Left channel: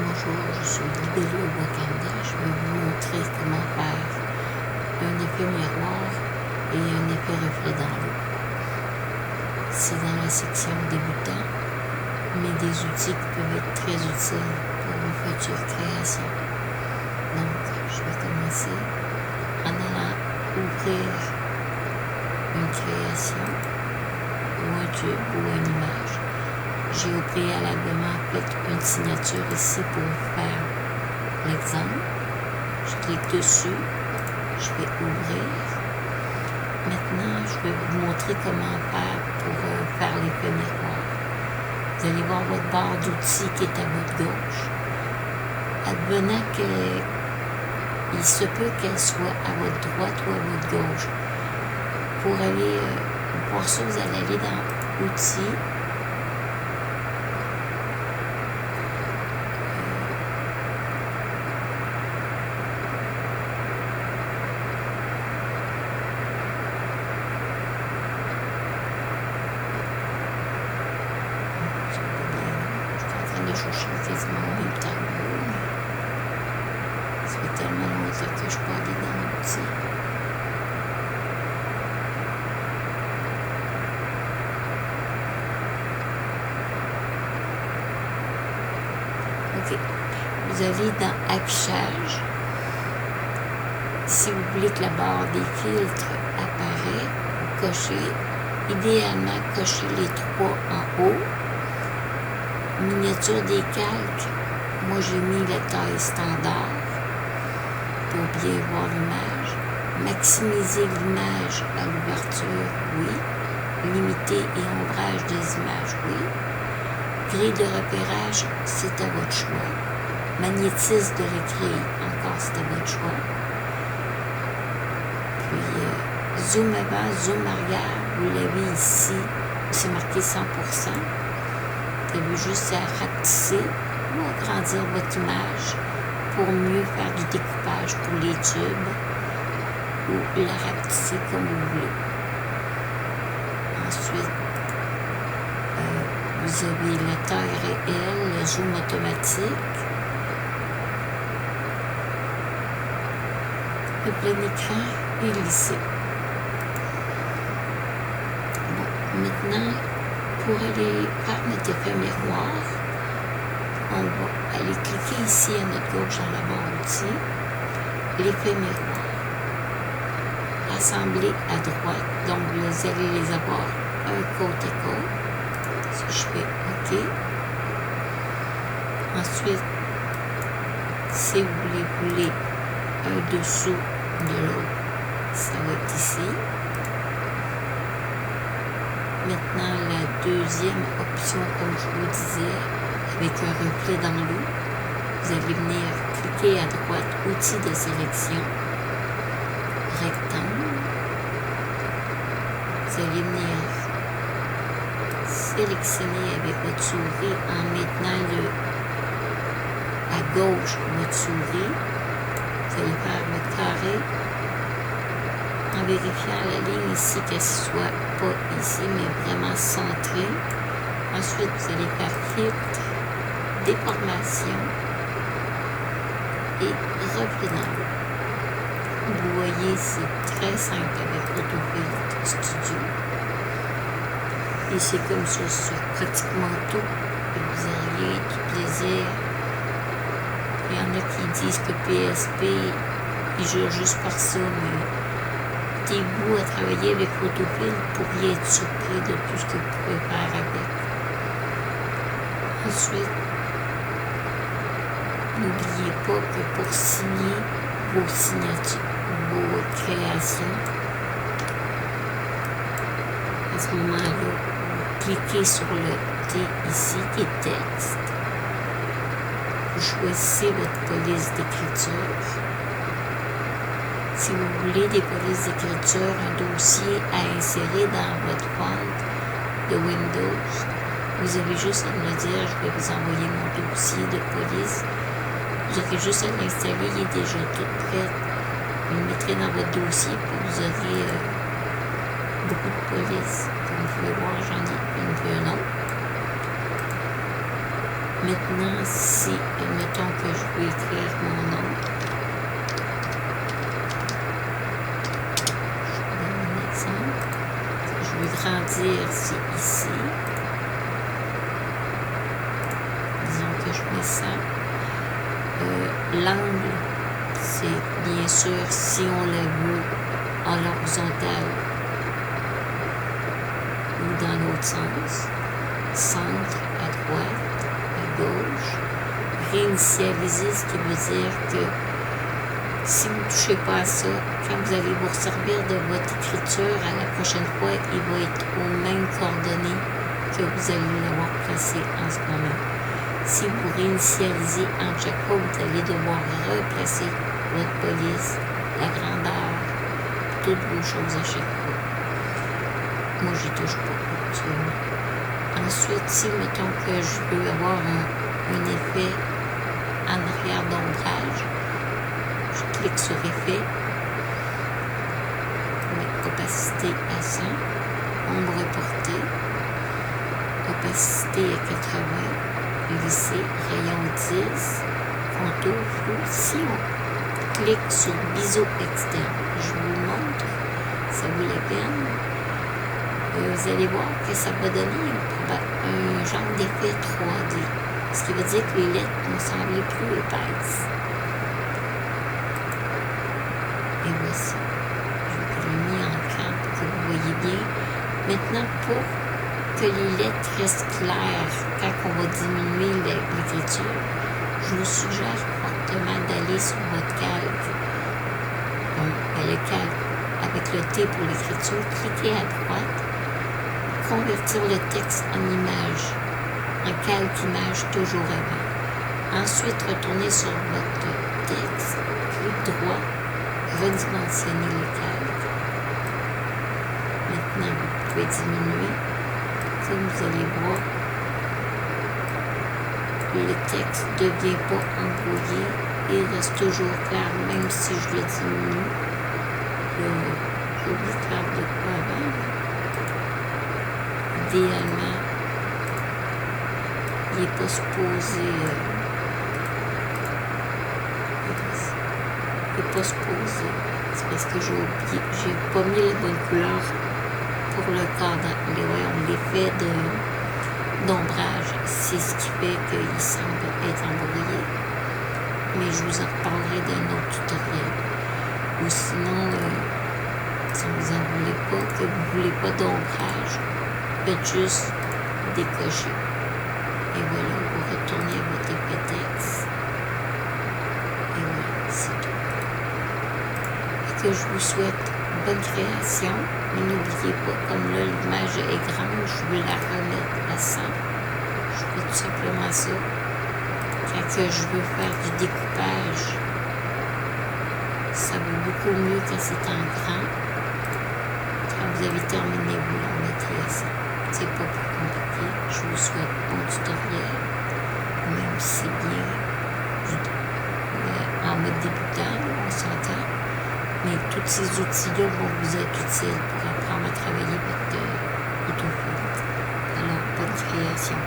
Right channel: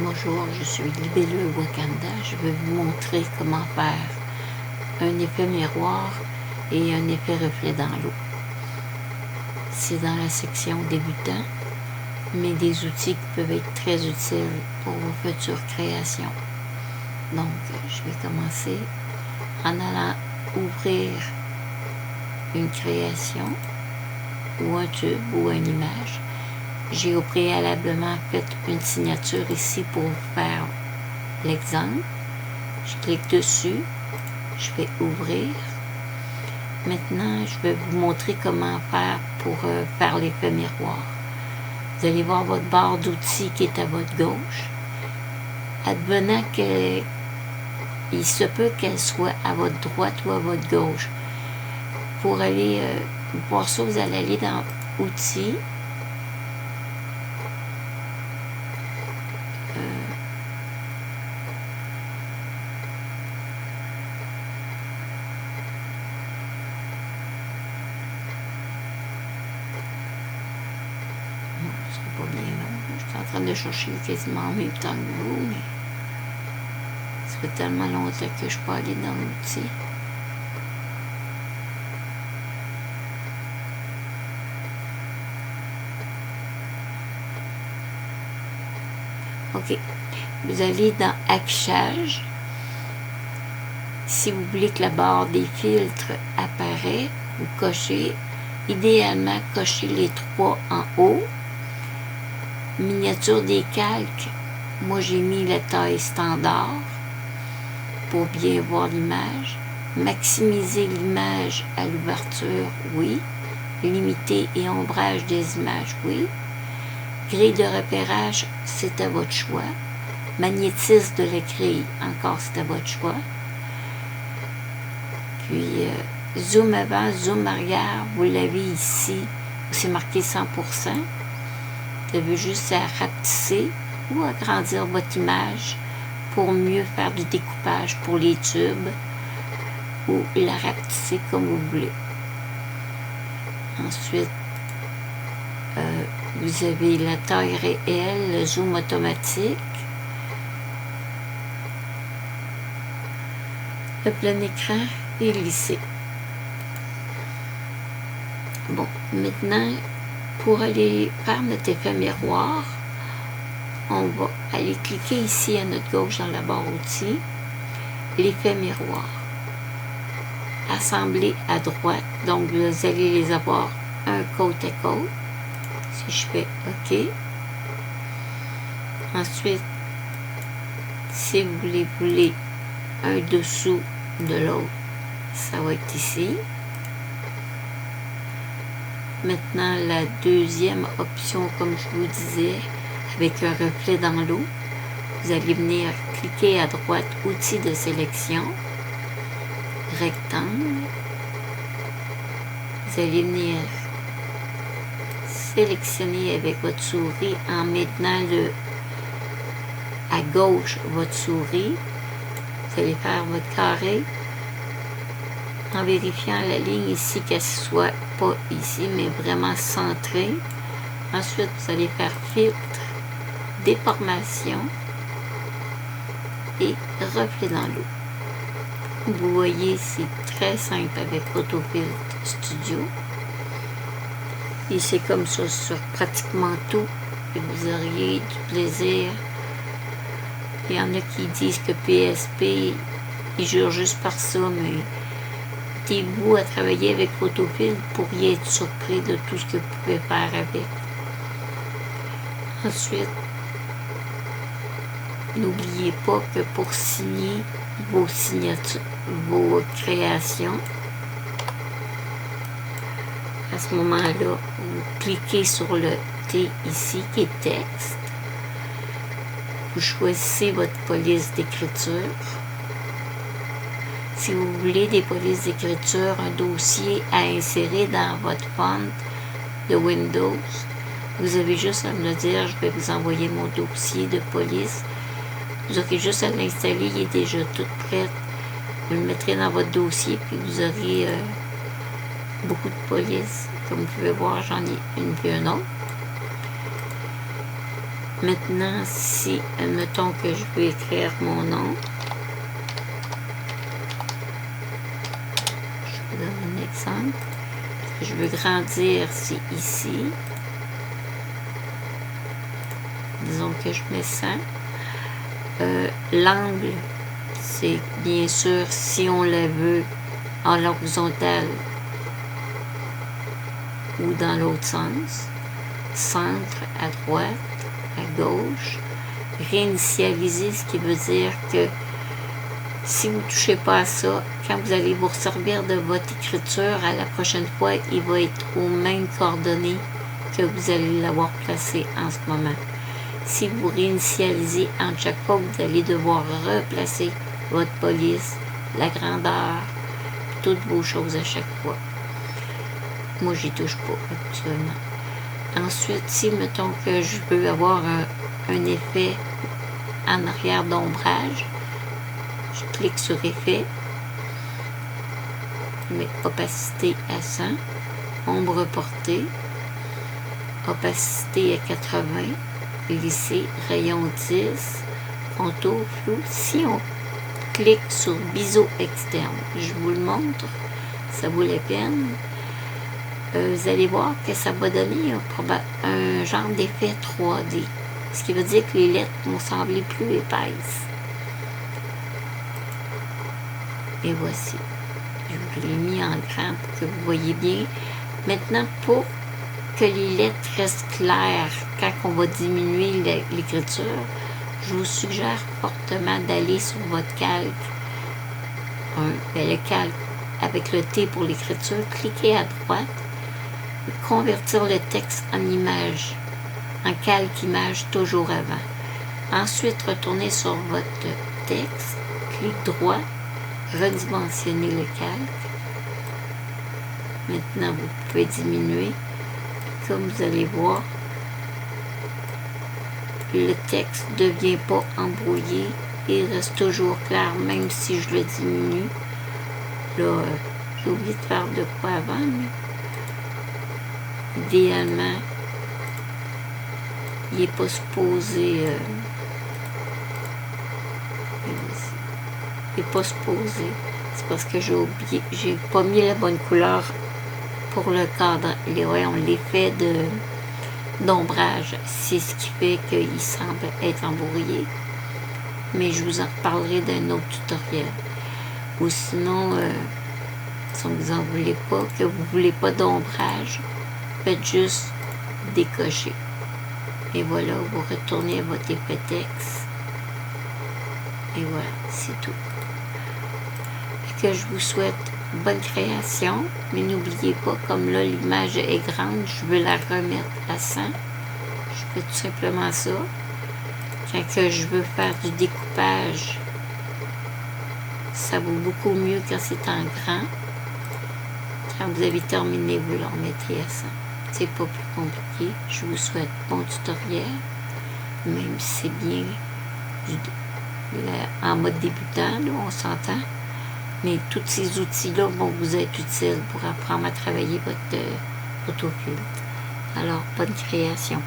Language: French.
Bonjour, je suis Libellule Wakanda. Je vais vous montrer comment faire un effet miroir et un effet reflet dans l'eau. C'est dans la section débutant, mais des outils qui peuvent être très utiles pour vos futures créations. Donc, je vais commencer en allant ouvrir une création ou un tube ou une image. J'ai au préalablement fait une signature ici pour vous faire l'exemple. Je clique dessus, je vais ouvrir. Maintenant, je vais vous montrer comment faire pour faire l'effet miroir. Vous allez voir votre barre d'outils qui est à votre gauche. Advenant qu'il se peut qu'elle soit à votre droite ou à votre gauche. Pour aller voir ça, vous allez aller dans Outils. C'est pas bien là. Je suis en train de chercher quasiment en même temps que vous, mais ça fait tellement longtemps que je ne suis pas allée dans l'outil. OK. Vous allez dans Affichage. Si vous voulez que la barre des filtres apparaît, vous cochez. Idéalement, cochez les trois en haut. Miniature des calques. Moi, j'ai mis la taille standard pour bien voir l'image. Maximiser l'image à l'ouverture, oui. Limiter et ombrage des images, oui. Grille de repérage, c'est à votre choix. Magnétisme de la grille, encore c'est à votre choix. Puis, zoom avant, zoom arrière, vous l'avez ici, où c'est marqué 100%. Vous avez juste à rapetisser ou agrandir votre image pour mieux faire du découpage pour les tubes ou la rapetisser comme vous voulez. Ensuite, vous avez la taille réelle, le zoom automatique, le plein écran et lissé. Bon, maintenant, pour aller faire notre effet miroir, on va aller cliquer ici à notre gauche dans la barre outils, l'effet miroir. Assembler à droite, donc vous allez les avoir un côte à côte. Si je fais OK. Ensuite, si vous voulez un dessous de l'autre, ça va être ici. Maintenant, la deuxième option, comme je vous disais, avec un reflet dans l'eau, vous allez venir cliquer à droite, outils de sélection, rectangle. Vous allez venir sélectionner avec votre souris en maintenant à gauche votre souris. Vous allez faire votre carré en vérifiant la ligne ici qu'elle soit pas ici mais vraiment centrée. Ensuite, vous allez faire filtre, déformation et reflet dans l'eau. Vous voyez, c'est très simple avec Autofiltre Studio. Et c'est comme ça sur pratiquement tout. Et vous auriez du plaisir. Il y en a qui disent que PSP, ils jurent juste par ça, mais mettez-vous à travailler avec Autofiltre pour y être surpris de tout ce que vous pouvez faire avec. Ensuite, n'oubliez pas que pour signer vos signatures, vos créations, à ce moment-là, vous cliquez sur le T ici qui est texte. Vous choisissez votre police d'écriture. Si vous voulez des polices d'écriture, un dossier à insérer dans votre font de Windows, vous avez juste à me le dire, je vais vous envoyer mon dossier de police. Vous aurez juste à l'installer, il est déjà tout prêt. Vous le mettrez dans votre dossier, puis vous aurez beaucoup de polices. Comme vous pouvez voir, j'en ai une puis une autre. Maintenant, si, admettons que je veux écrire mon nom, je vous donne un exemple. Je veux grandir, c'est ici. Disons que je mets ça. L'angle, c'est bien sûr si on le veut en l'horizontale ou dans l'autre sens. Centre, à droite, à gauche. Réinitialiser, ce qui veut dire que si vous ne touchez pas à ça, quand vous allez vous servir de votre écriture, à la prochaine fois, il va être aux mêmes coordonnées que vous allez l'avoir placé en ce moment. Si vous réinitialisez entre chaque fois, vous allez devoir replacer votre police, la grandeur, toutes vos choses à chaque fois. Moi, j'y touche pas, actuellement. Ensuite, si, mettons que je veux avoir un effet en arrière d'ombrage, je clique sur Effet, je mets opacité à 100, ombre portée, opacité à 80, lisser, rayon 10, contour flou. Si on clique sur biseau externe, je vous le montre, ça vaut la peine. Vous allez voir que ça va donner un genre d'effet 3D, ce qui veut dire que les lettres vont sembler plus épaisses. Et voici, je vous l'ai mis en grand pour que vous voyez bien. Maintenant, pour que les lettres restent claires quand on va diminuer l'écriture, je vous suggère fortement d'aller sur votre calque, le calque avec le T pour l'écriture, cliquez à droite, convertir le texte en image, en calque image toujours avant. Ensuite, retournez sur votre texte, clic droit, redimensionner le calque. Maintenant, vous pouvez diminuer. Comme vous allez voir, le texte ne devient pas embrouillé. Il reste toujours clair, même si je le diminue. Là, j'ai oublié de faire de quoi avant. Mais idéalement, il n'est pas supposé... il n'est pas supposé. C'est parce que j'ai oublié, j'ai pas mis la bonne couleur pour le cadre. L'effet d'ombrage, c'est ce qui fait qu'il semble être embrouillé. Mais je vous en reparlerai d'un autre tutoriel. Ou sinon, si vous en voulez pas, que vous voulez pas d'ombrage, faites juste décocher. Et voilà, vous retournez à votre effet texte. Et voilà, c'est tout. Et que je vous souhaite bonne création, mais n'oubliez pas, comme là l'image est grande, je veux la remettre à 100. Je fais tout simplement ça. Quand que je veux faire du découpage, ça vaut beaucoup mieux quand c'est en grand. Quand vous avez terminé, vous la remettrez à 100. C'est pas plus compliqué. Je vous souhaite bon tutoriel, même si c'est bien en mode débutant, là, on s'entend. Mais tous ces outils-là vont vous être utiles pour apprendre à travailler votre autofil. Alors, bonne création.